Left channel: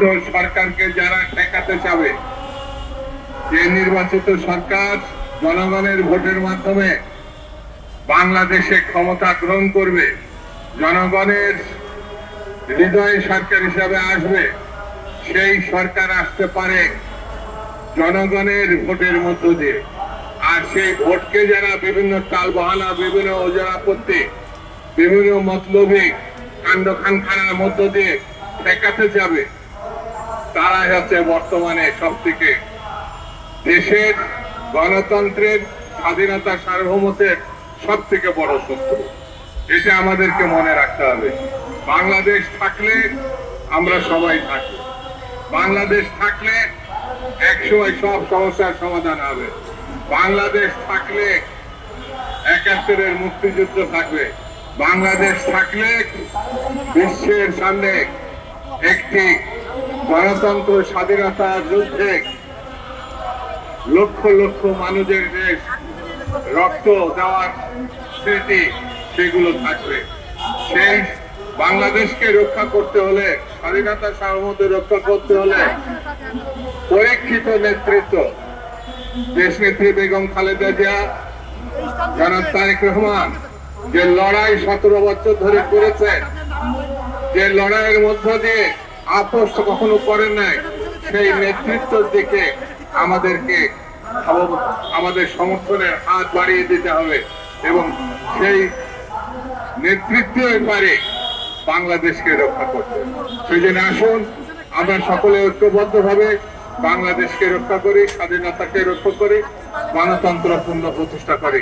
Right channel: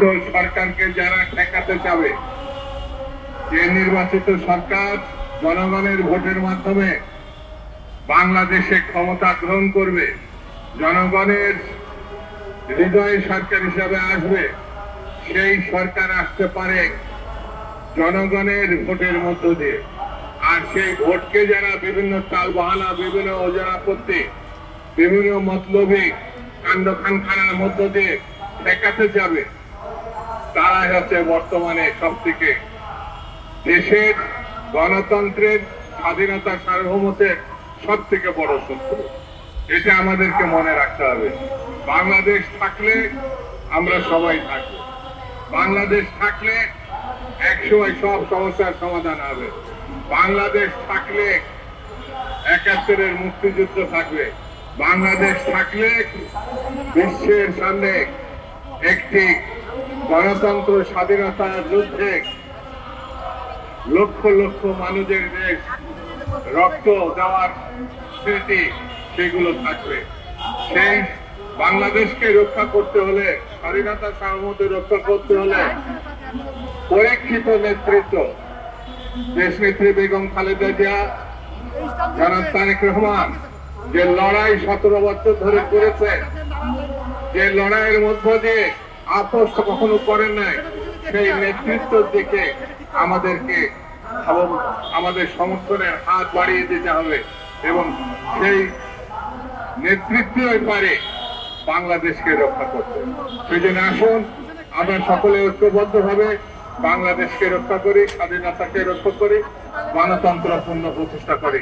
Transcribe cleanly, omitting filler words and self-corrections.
সরকারকে যারা ঠেকাতে চাবে, যে নির্বাচিত সরকার জনগণের ভোটের মাধ্যমে বাংলাদেশে ক্ষমতা গ্রহণ করবে, জনগণের হৃদয়ে সরকার হিসাবে আসবে, সেই সরকার আসতে পারে জনগণের ভোটের মধ্য দিয়ে। আর সেই ভোটকে যারা বিভিন্ন টালবাহানা, বিভিন্ন অজরা করতে, বিভিন্ন মতলবী কাণ্ডখানখানার মধ্য দিয়ে ঠেকাতে যাবে, তারা হচ্ছে বর্তমানে সব থেকে দেশের গণতন্ত্রের স্বাধীনতা সার্বভৌমত্বের সব থেকে বড় শত্রু। এটা আমাদেরকে মনে রাখতে হবে। বাংলাদেশ থাকলে আমরা সবাই থাকবো, বাংলাদেশ থাকলে একসময় সব সমস্যার সমাধান হবে, বাংলাদেশ থাকলে ৭১-এর মুক্তিযুদ্ধ থাকবে, বাংলাদেশ থাকলে বিশ্বের সামনে একটি গণতন্ত্র স্বাধীনতার যুদ্ধে লক্ষ লক্ষ মানুষের যে রক্ত দেওয়ার স্মৃতি সেগুলো থাকবে। সেই বাংলাদেশকে রক্ষা করতে হলে, স্বাধীনতা সার্বভৌমত্ব রক্ষা করতে হলে পরীক্ষিত নেতৃত্ব, দেশনেত্রী বেগম খালেদা জিয়া, জনাব তারেক রহমান যে লড়াই ১৭ বছর ধরে করেছে, যে লড়াইয়ের মধ্য দিয়ে আপোষ কখনো করেন নাই, সেই নেতৃত্বের দিকে আমাদেরকে আমাদের সমর্থনের হাত বাড়িয়ে দিতে হবে এবং সেই নেতৃত্বই পারে বাংলাদেশকে রক্ষা করতে। সেই জন্য আসুন আমরা সকলে ঐক্যবদ্ধভাবে বাংলাদেশকে রক্ষা করি, স্বাধীনতাকে রক্ষা করি, গণতন্ত্র পূর্ণ প্রতিষ্ঠা করি।